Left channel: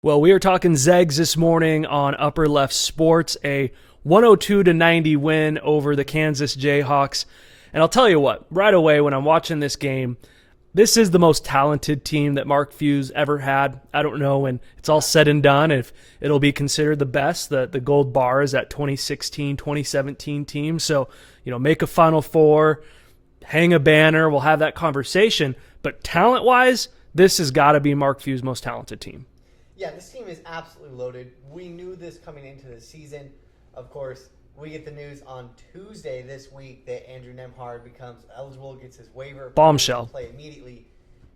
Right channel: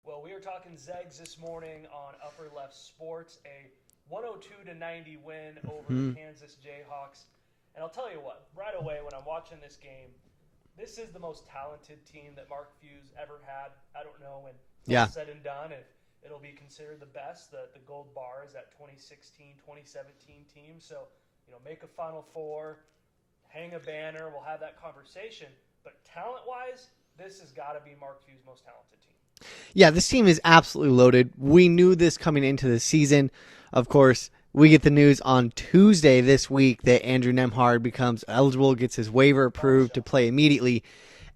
Well, we are talking Zags this morning on Upper Left Sports, a 102-90 win over the Kansas Jayhawks. And I'll tell you what, right away when I'm watching this game, this is the most talented team that Mark Few's ever had. I don't know when it's all said and done if it'll be considered the best. The gold bar is that 2016, 2017 team. So, make a Final Four, hang a banner, we'll have that conversation. But talent-wise, this has got to be Mark Few's most talented team. Yeah, this team is absolutely loaded. We knew this coming into the season. Of course, we get the news on Tuesday this week that Andrew Nembhard becomes eligible, gets his waiver approved to play immediately.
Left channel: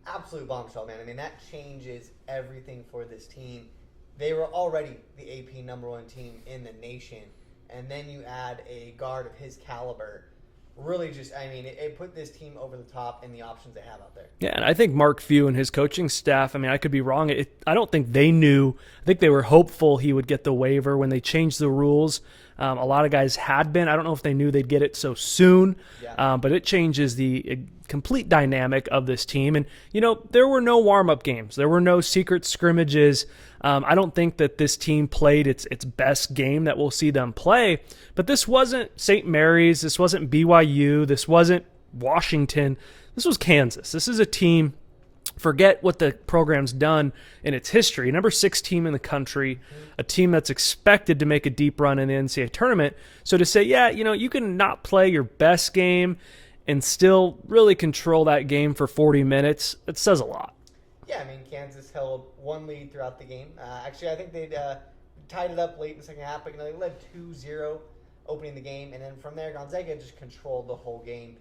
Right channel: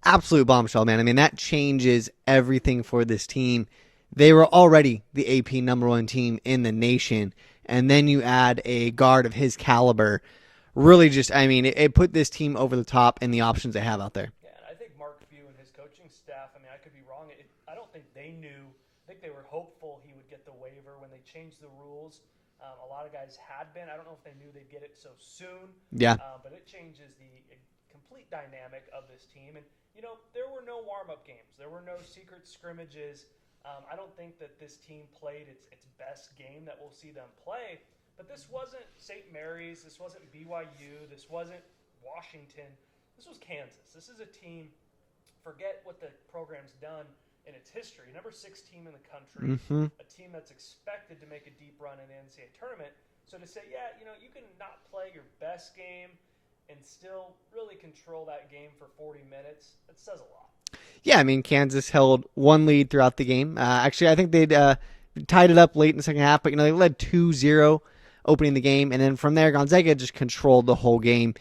Absolute bombshell, man. I mean, that changes everything for this team. They were already the AP #1 team in the nation, and then you add a guard of his caliber. Really it put this team over the top in the options they have out there. Yeah, and I think Mark Few and his coaching staff, I could be wrong. I don't think they knew. I think they were hopeful he would get the waiver when they changed the rules. A lot of guys had been. I don't know if they knew they'd get it so soon. Yeah. But it changes the complete dynamic of this team. And, there were no warm-up games. There were no secret scrimmages. I don't think that this team played its best game that we'll see them play. But this wasn't St. Mary's. This wasn't BYU. This wasn't Washington. This was Kansas. This is a team, forget what the program's done in its history. Number 6 team in the country, a team that's expected to make a deep run in the NCAA tournament. So to say, you can not play your best game and still really control that game for 40 minutes, it says a lot. Yeah, Kansas held one lead throughout the game. Actually, I think they'd tied it up late in the second half, but they led 2-0 opening the game, and then from there, Gonzaga just controlled the whole game.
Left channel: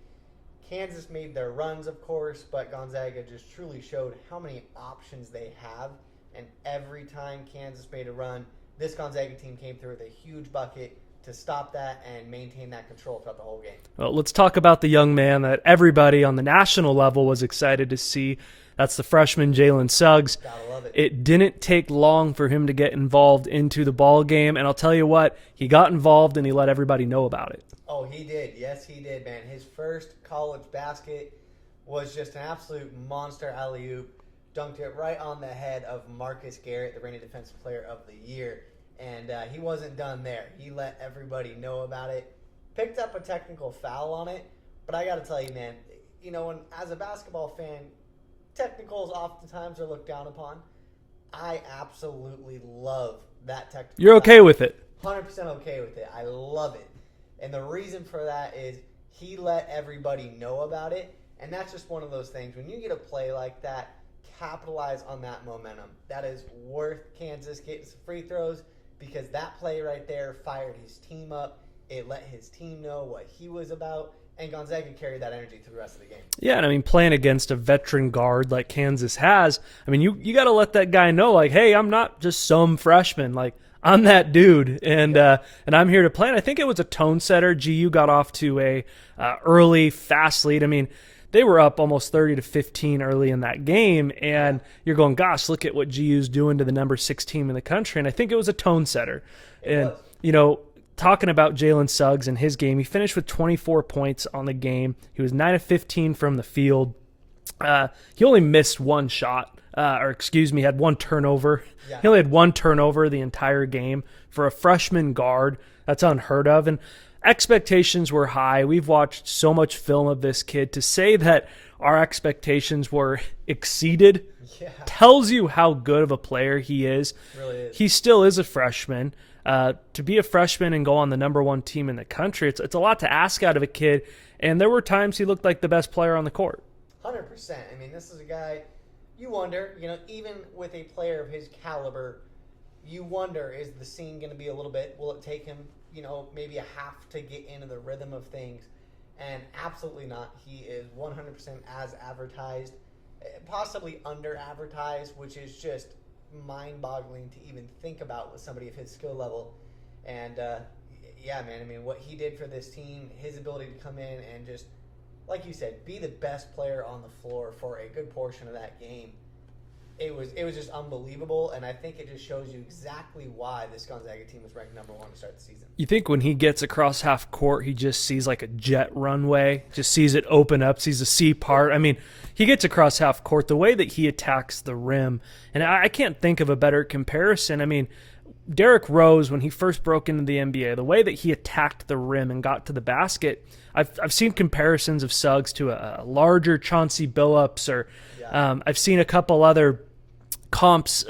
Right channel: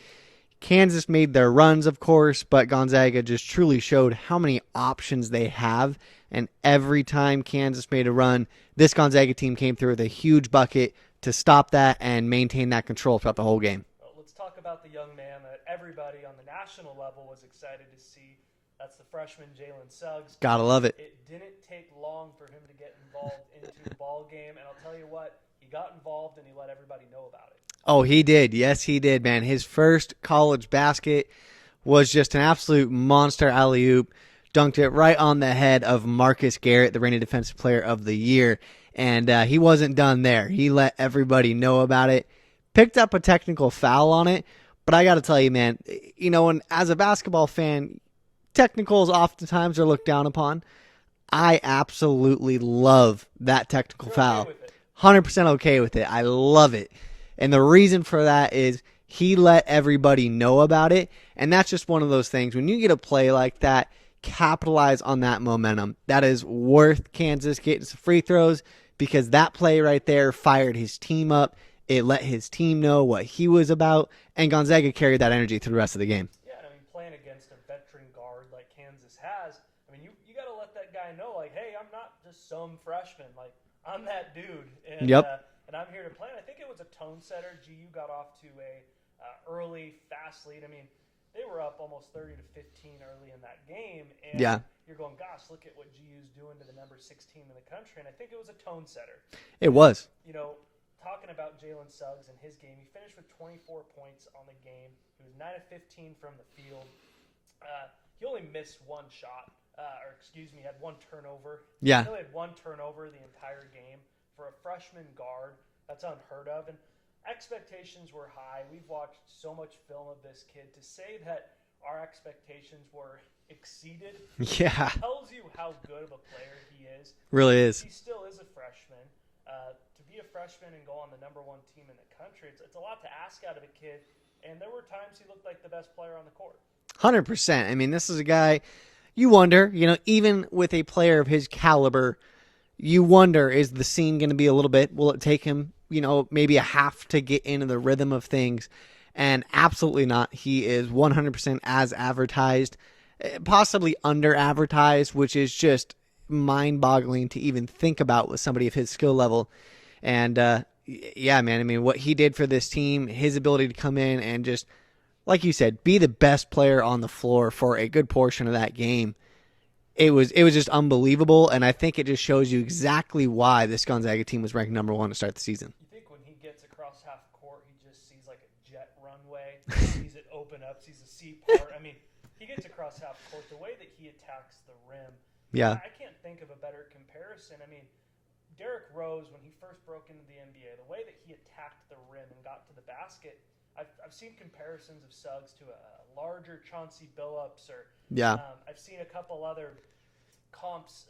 Kansas made their runs, of course, but Gonzaga just truly showed how many options they have, and every time Kansas made a run, this Gonzaga team came through with a huge bucket to stop that and maintain that control throughout the whole game. Well, let's talk about the young man that everybody on the national level was excited to see. That's the freshman Jalen Suggs. Gotta love it. It didn't take long for him to get involved into the ball game, and I'll tell you what, he got involved and he let everybody know about it. Oh, he did. Yes, he did, man. His first college basket was just an absolute monster alley-oop. Dunked it right on the head of Marcus Garrett, the reigning Defensive Player of the Year. And he wasn't done there. He let everybody know about it. Picked up a technical foul on it. But I got to tell you, man, and as a basketball fan, technicals oftentimes are looked down upon. I absolutely love that technical You're foul. okay with it? 100% okay with it. I love it. And the reason for that is he let everybody know about it. And that's just one of those things. When you get a play like that, capitalize on that momentum. That is worth Kansas getting some free throws because that play right there fired his team up. It let his team know what he was about. And Gonzaga carried that energy through the rest of the game. Yeah, and playing against a veteran guard like Kansas has, you got to let that guy know, hey, I'm not just some freshman. I'm that dude, and and I'm here to play. And I think it was a tone setter. GU got off to a early, fast lead. They were up almost 30-15 early in that game, and you're going, gosh, look at what GU's doing to the number 6 team in the country. And I think it was a tone setter. It was. Talking about Jalen Suggs and his game, he finished with 24 points on the game. He was 9 of 15 from the field. He only missed one shot, had one turnover. Yeah. He only had one turnover the entire game. For a freshman guard, that's unheard of. And expectations were high. We've watched so much film of this kid. To say that our expectations were exceeded tells you how good of a player he is. Really is. He still is a freshman. To be a freshman and go on the #1 team in the country, it's a lot to ask out of a kid. And there were times he looked like the best player on the court. 100%. This is a guy you wonder, even with a player of his caliber, you wonder, is the scene going to be a little bit, will it take him, maybe a half to get into the rhythm of things? And absolutely not. He is 100% as advertised, possibly under advertised, which is just mind-boggling to even think about with somebody of his skill level. And what he did for this team, his ability to come in and just, like you said, be the best player on the floor for a good portion of that game, it was just unbelievable. And I think it just shows you exactly why this Gonzaga team was ranked #1 to start the season. You think when he gets across half court, he just sees like a jet runway, just sees it open up, sees the sea part. he gets across half court, the way that he attacks the rim, and I can't think of a better comparison. I mean, Derrick Rose, when he first broke into the NBA, the way that he attacked the rim and got to the basket, I've seen comparisons of Suggs to a larger Chauncey Billups, or I've seen a couple other comps,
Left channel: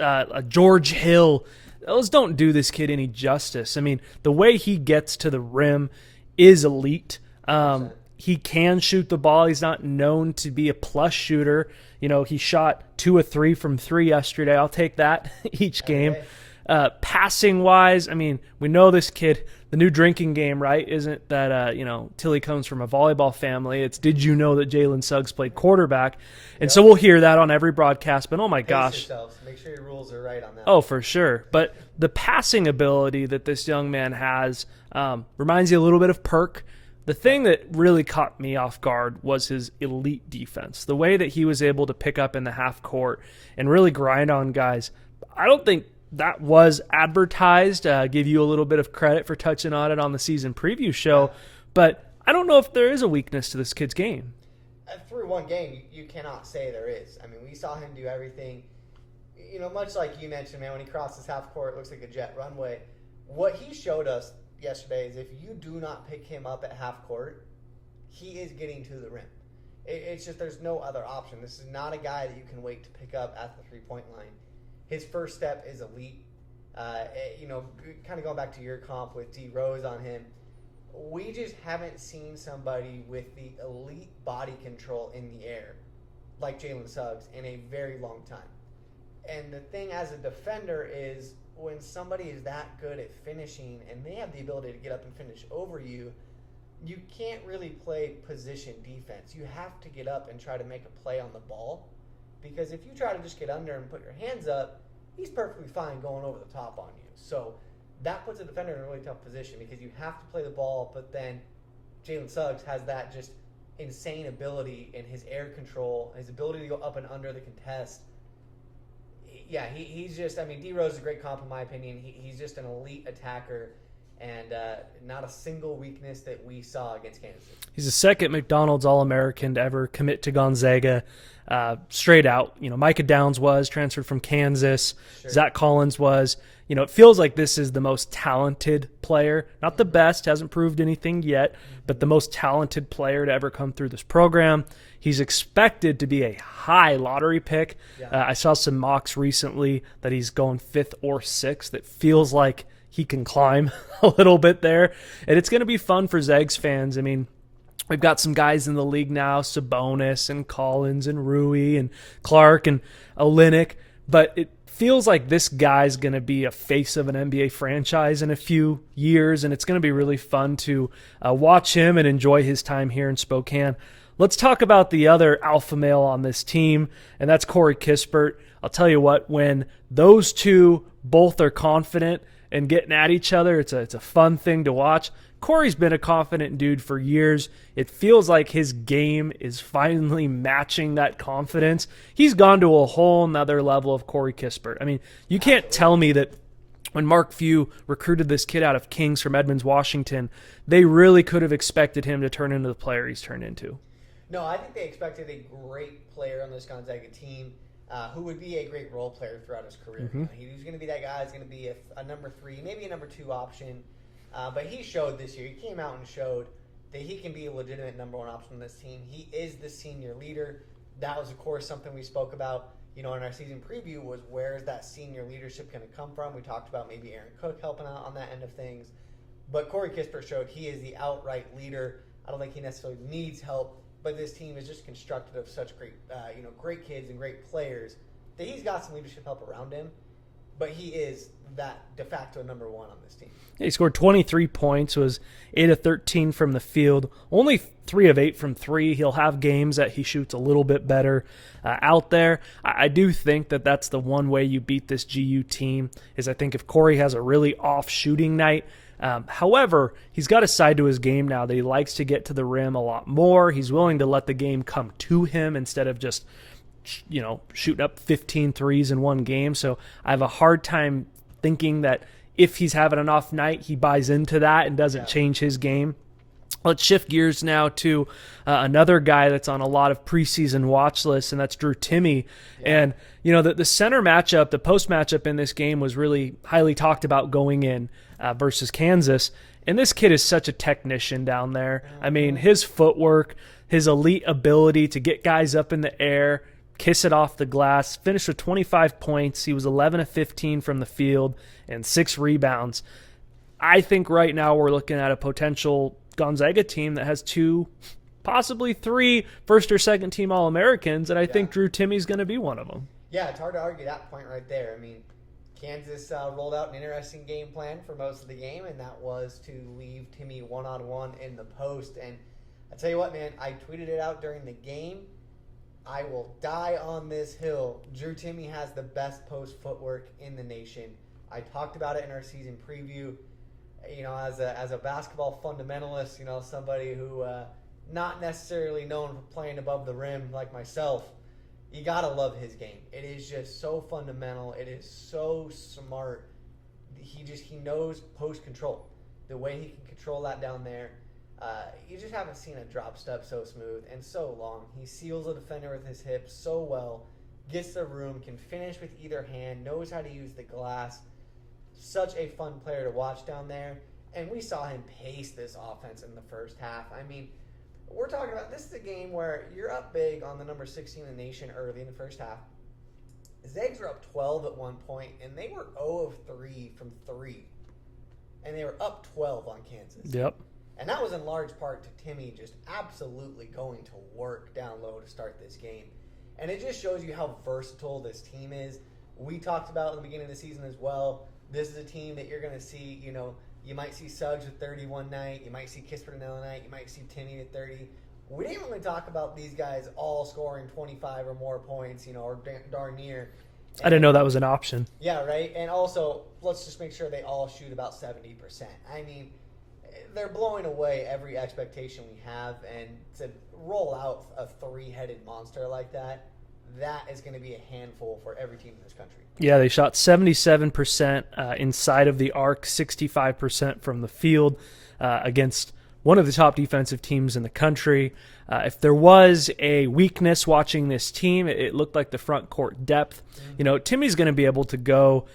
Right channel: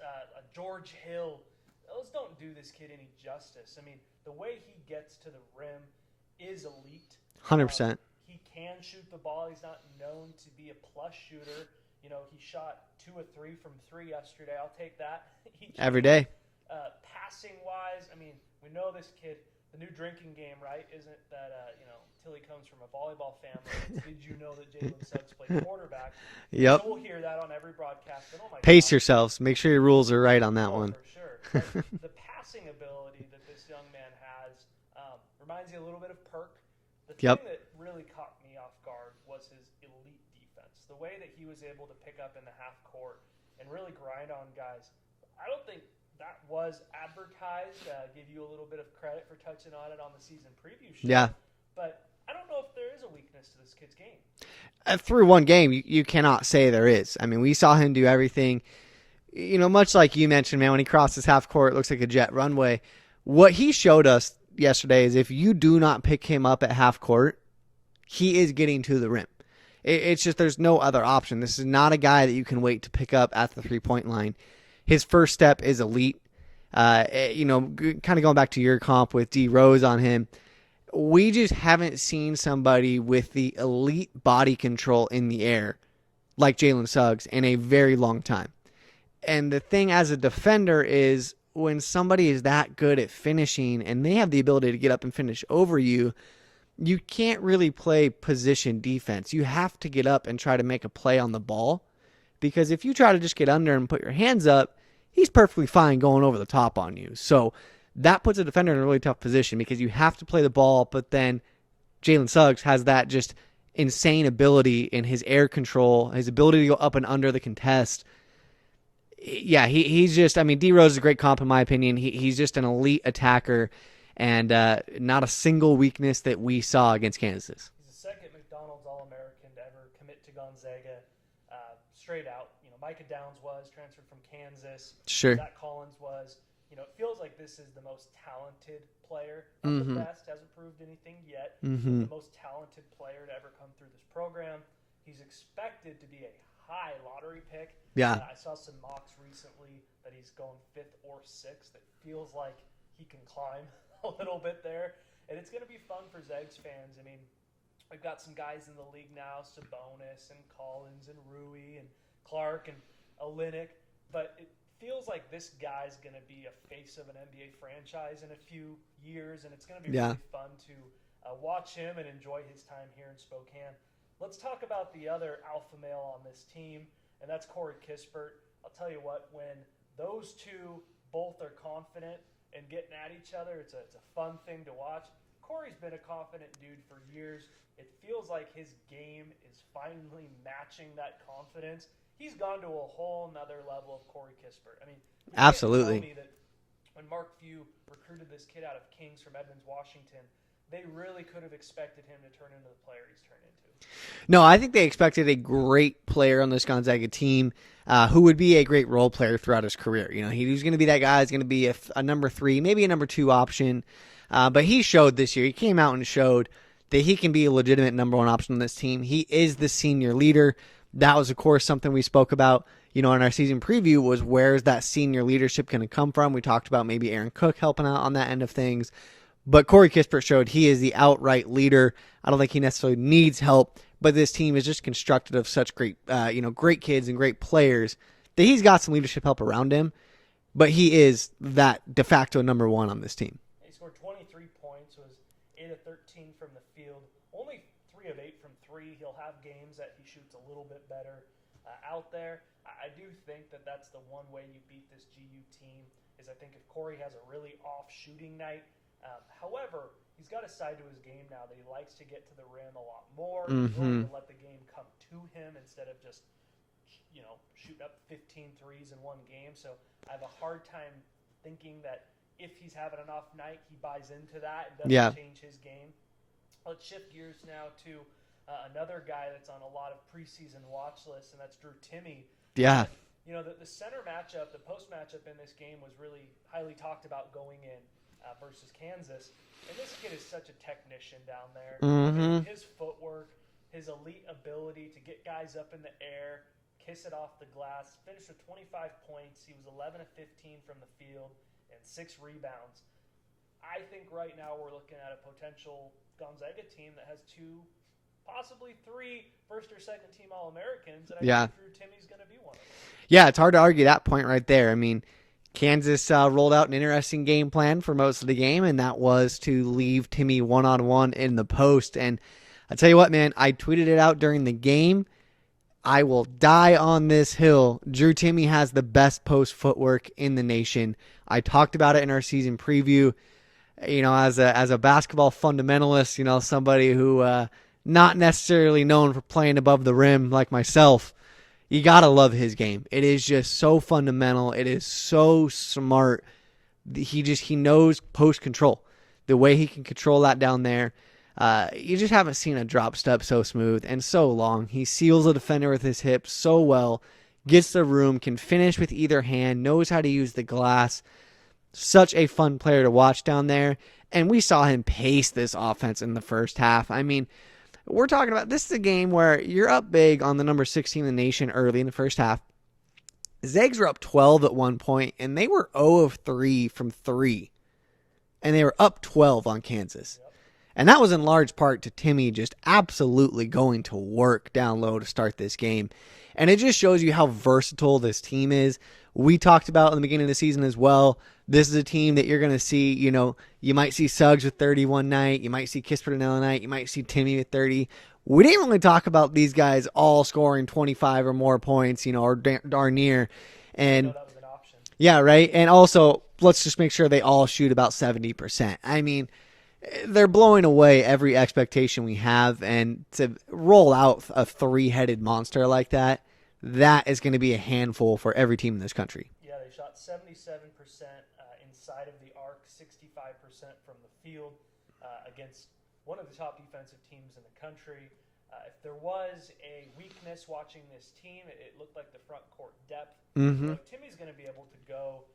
George Hill. Those don't do this kid any justice. I mean, the way he gets to the rim is elite. 100%. He can shoot the ball. He's not known to be a plus shooter. You know, he shot 2 of 3 from 3 yesterday. I'll take that each game. Every day. Passing wise, I mean, we know this kid, the new drinking game, right? Isn't that, Tilly comes from a volleyball family. It's, did you know that Jalen Suggs played quarterback? Yep. And so we'll hear that on every broadcast, but oh my gosh. Pace yourselves. Make sure your rules are right on that Oh, one. for sure. But the passing ability that this young man has reminds you a little bit of Perk. The thing that really caught me off guard was his elite defense. The way that he was able to pick up in the half court and really grind on guys. I don't think that was advertised. Give you a little bit of credit for touching on it on the season preview show. Yeah. But I don't know if there is a weakness to this kid's game. Through one game, you cannot say there is. I mean, we saw him do everything. You know, much like you mentioned, man, when he crosses half court, it looks like a jet runway. What he showed us yesterday is if you do not pick him up at half court, he is getting to the rim. It's just there's no other option. This is not a guy that you can wait to pick up at the three-point line. His first step is elite. Kind of going back to your comp with D Rose on him, we just haven't seen somebody with the elite body control in the air like Jalen Suggs in a very long time. And the thing as a defender is when somebody is that good at finishing and they have the ability to get up and finish over you, you can't really play position defense. You have to get up and try to make a play on the ball, because if you try to just get under and put your hands up, he's perfectly fine going over the top on you. So that puts a defender in a really tough position because you have to play the ball, but then Jalen Suggs has that just insane ability in his air control, his ability to go up and under the contest. Yeah, he's just, I mean, D Rose is a great comp in my opinion. He's just an elite attacker and not a single weakness that we saw against Kansas. He's the second McDonald's All-American to ever commit to Gonzaga straight out. You know, Micah Downs was transferred from Kansas. Sure. Zach Collins was. You know, it feels like this is the most talented player. Not the best, hasn't proved anything yet, but the most talented player to ever come through this program. He's expected to be a high lottery pick. Yeah. I saw some mocks recently that he's going 5th or 6th. It feels like he can climb a little bit there. And it's going to be fun for Zags fans. I mean, we've got some guys in the league now, Sabonis and Collins and Rui and Clark and Olynyk, but it feels like this guy's going to be a face of an NBA franchise in a few years, and it's going to be really fun to watch him and enjoy his time here in Spokane. Let's talk about the other alpha male on this team, and that's Corey Kispert. I'll tell you what, when those two both are confident and getting at each other, it's a fun thing to watch. Corey's been a confident dude for years. It feels like his game is finally matching that confidence. He's gone to a whole nother level of Corey Kispert. I mean, you can't tell me that when Mark Few recruited this kid out of Kings from Edmonds, Washington, they really could have expected him to turn into the player he's turned into. No, I think they expected a great player on this Gonzaga team who would be a great role player throughout his career. You know, he was going to be that guy who's going to be a number 3, maybe a number 2 option. But he showed this year. He came out and showed that he can be a legitimate number 1 option on this team. He is the senior leader. That was, of course, something we spoke about, in our season preview, was where's that senior leadership going to come from? We talked about maybe Aaron Cook helping out on that end of things. But Corey Kispert showed he is the outright leader. I don't think he necessarily needs help, but this team is just constructed of such great, great kids and great players that he's got some leadership help around him. But he is that de facto number 1 on this team. He scored 23 points, was 8 of 13 from the field, only 3 of 8 from 3. He'll have games that he shoots a little bit better out there. I do think that that's the one way you beat this GU team, is I think if Corey has a really off shooting night. However, he's got a side to his game now that he likes to get to the rim a lot more. He's willing to let the game come to him instead of just shooting up 15 threes in one game. So I have a hard time thinking that if he's having an off night, he buys into that and doesn't change his game. Let's shift gears now to another guy that's on a lot of preseason watch lists, and that's Drew Timme. Yeah. And, the center matchup, the post matchup in this game was really highly talked about going in versus Kansas. And this kid is such a technician down there. I mean, his footwork, his elite ability to get guys up in the air, kiss it off the glass, finished with 25 points. He was 11 of 15 from the field and 6 rebounds. I think right now we're looking at a potential Gonzaga team that has 2, possibly 3 first or second team All-Americans, and I think Drew Timme's going to be one of them. Yeah, it's hard to argue that point right there. I mean, Kansas rolled out an interesting game plan for most of the game, and that was to leave Timme one-on-one in the post. And I tell you what, man, I tweeted it out during the game. I will die on this hill. Drew Timme has the best post footwork in the nation. I talked about it in our season preview. As a basketball fundamentalist, somebody who not necessarily known for playing above the rim like myself, you got to love his game. It is just so fundamental. It is so smart. He knows post control. The way he can control that down there. You just haven't seen a drop step so smooth and so long. He seals a defender with his hips so well, gets the room, can finish with either hand, knows how to use the glass. Such a fun player to watch down there. And we saw him pace this offense in the first half. I mean, we're talking about, this is a game where you're up big on the number 16 in the nation early in the first half. Zags were up 12 at one point, and they were 0 of 3 from 3. And they were up 12 on Kansas. Yep. And that was in large part to Timme just absolutely going to work down low to start this game. And it just shows you how versatile this team is. We talked about in the beginning of the season as well. This is a team that you're going to see, you might see Suggs with 30 one night. You might see Kispert another night. You might see Timme with 30. We didn't really talk about these guys all scoring 25 or more points, or darn near. And, I didn't know that was an option. Yeah, right. And also, let's just make sure they all shoot about 70%. I mean, they're blowing away every expectation we have. And to roll out a 3-headed monster like that is going to be a handful for every team in this country. Yeah, they shot 77% inside of the arc, 65% from the field against one of the top defensive teams in the country. If there was a weakness watching this team, it looked like the front court depth. Timmy's going to be able to go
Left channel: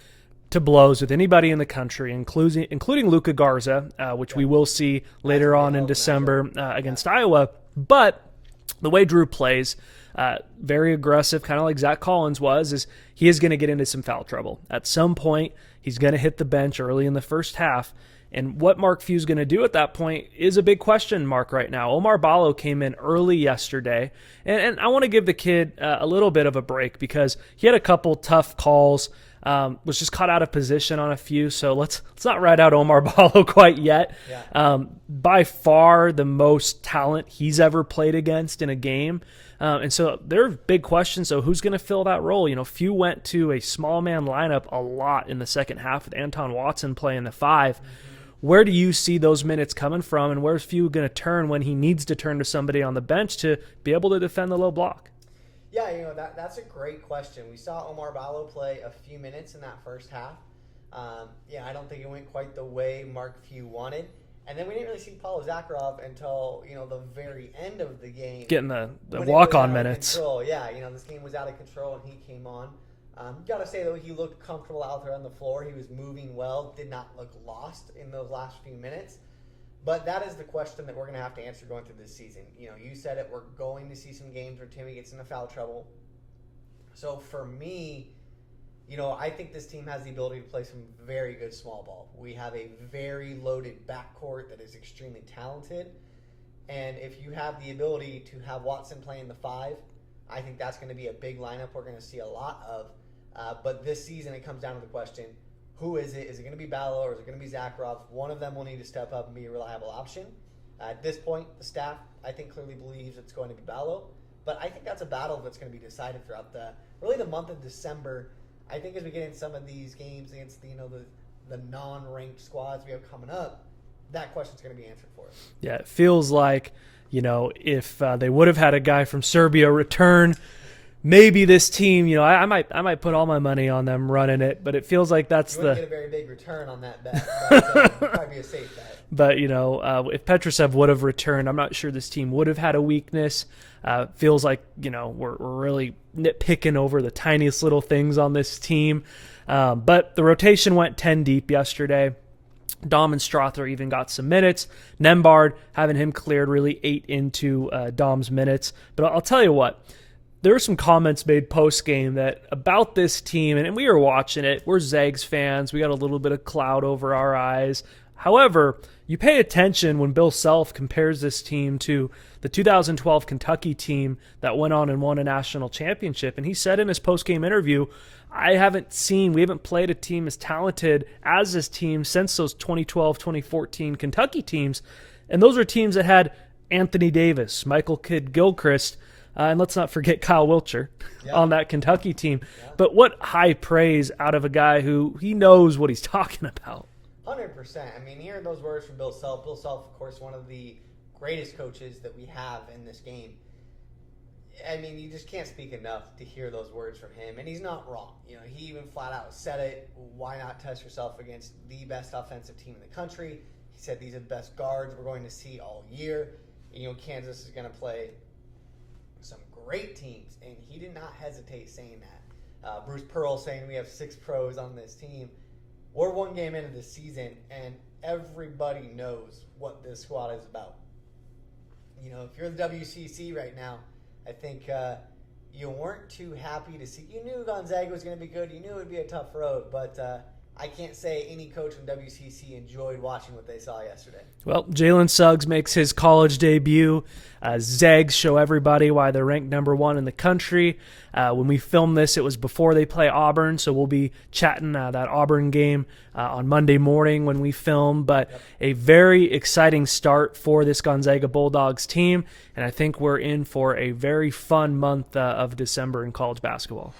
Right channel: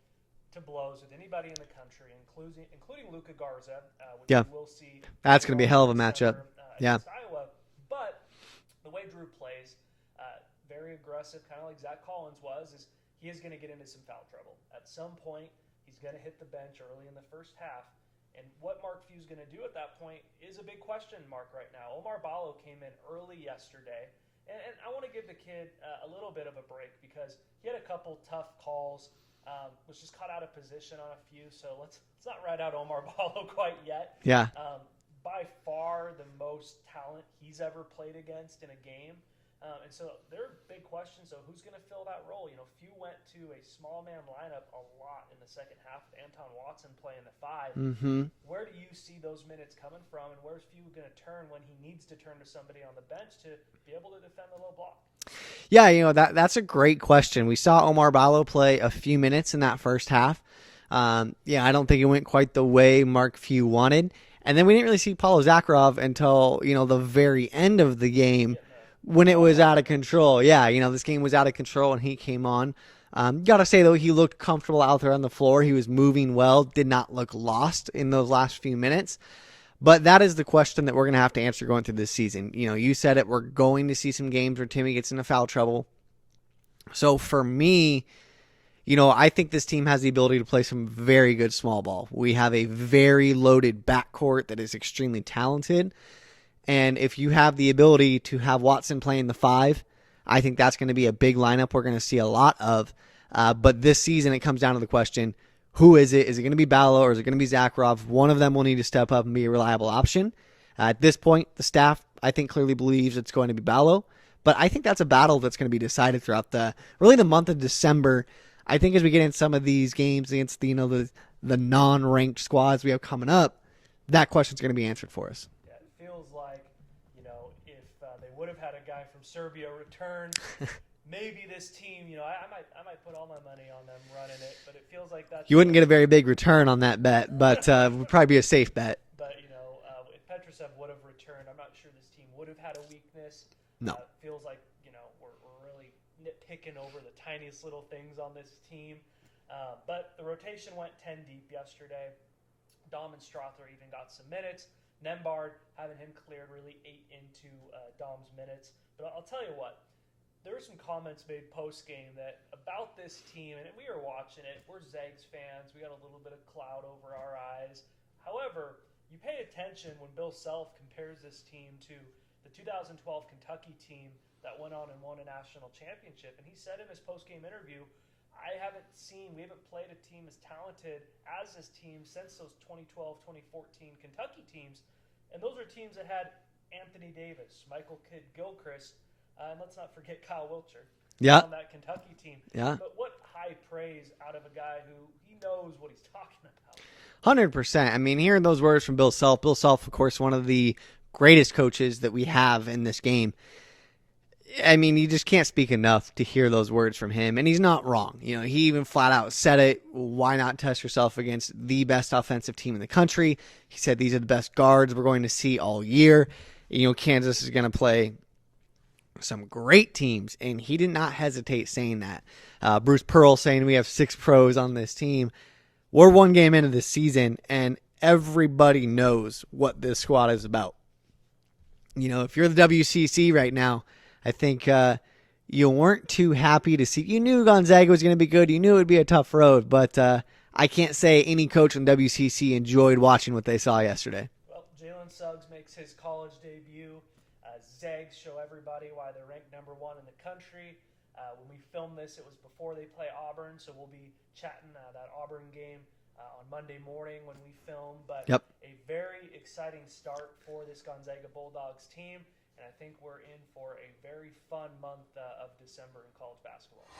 to blows with anybody in the country, including Luka Garza, which we will see later on in December against Iowa. But the way Drew plays, very aggressive, kind of like Zach Collins was, is he is going to get into some foul trouble. At some point, he's going to hit the bench early in the first half. And what Mark Few's going to do at that point is a big question mark right now. Omar Ballo came in early yesterday, and I want to give the kid a little bit of a break because he had a couple tough calls, was just caught out of position on a few. So let's not write out Omar Ballo quite yet. Yeah. By far the most talent he's ever played against in a game. And so there are big questions. So who's going to fill that role? Few went to a small man lineup a lot in the second half with Anton Watson playing the 5. Where do you see those minutes coming from? And where's Few going to turn when he needs to turn to somebody on the bench to be able to defend the low block? Yeah, that's a great question. We saw Omar Ballo play a few minutes in that first half. I don't think it went quite the way Mark Few wanted. And then we didn't really see Paulo Zakharov until, the very end of the game. Getting the when it was out of minutes. control. Yeah, this game was out of control when he came on. Got to say, though, he looked comfortable out there on the floor. He was moving well, did not look lost in those last few minutes. But that is the question that we're going to have to answer going through this season. You said it. We're going to see some games where Timme gets into foul trouble. So for me, I think this team has the ability to play some very good small ball. We have a very loaded backcourt that is extremely talented. And if you have the ability to have Watson playing the 5, I think that's going to be a big lineup we're going to see a lot of. But this season, it comes down to the question, who is it? Is it going to be Ballo or is it going to be Zakharov? One of them will need to step up and be a reliable option. At this point, the staff, I think, clearly believes it's going to be Ballo. But I think that's a battle that's going to be decided throughout the month of December. I think as we get in some of these games against the non-ranked squads we have coming up, that question's going to be answered for us. Yeah, it feels like, if they would have had a guy from Serbia return, maybe this team, I might put all my money on them running it, but it feels like that's you wouldn't get a very big return on that bet, but would probably be a safe bet. But if Petrushev would have returned, I'm not sure this team would have had a weakness. Feels like we're really nitpicking over the tiniest little things on this team. But the rotation went 10 deep yesterday. Dom and Strother even got some minutes. Nembhard, having him cleared, really ate into Dom's minutes. But I'll tell you what, there were some comments made post-game that about this team, and we were watching it. We're Zags fans. We got a little bit of cloud over our eyes. However, you pay attention when Bill Self compares this team to the 2012 Kentucky team that went on and won a national championship. And he said in his post-game interview, we haven't played a team as talented as this team since those 2012, 2014 Kentucky teams. And those are teams that had Anthony Davis, Michael Kidd-Gilchrist, and let's not forget Kyle Wiltshire on that Kentucky team. Yeah. But what high praise out of a guy who he knows what he's talking about. 100%. I mean, hearing those words from Bill Self. Bill Self, of course, one of the greatest coaches that we have in this game. I mean, you just can't speak enough to hear those words from him. And he's not wrong. He even flat out said it. Why not test yourself against the best offensive team in the country? He said these are the best guards we're going to see all year. Kansas is going to play some great teams, and he did not hesitate saying that. Bruce Pearl saying we have 6 pros on this team. We're one game into this season, and everybody knows what this squad is about. If you're the WCC right now, I think you weren't too happy to see. You knew Gonzaga was going to be good. You knew it would be a tough road, but I can't say any coach in WCC enjoyed watching what they saw yesterday. Well, Jalen Suggs makes his college debut. Zags show everybody why they're ranked number 1 in the country. When we film this, it was before they play Auburn, so we'll be chatting that Auburn game on Monday morning when we film. But a very exciting start for this Gonzaga Bulldogs team, and I think we're in for a very fun month of December in college basketball.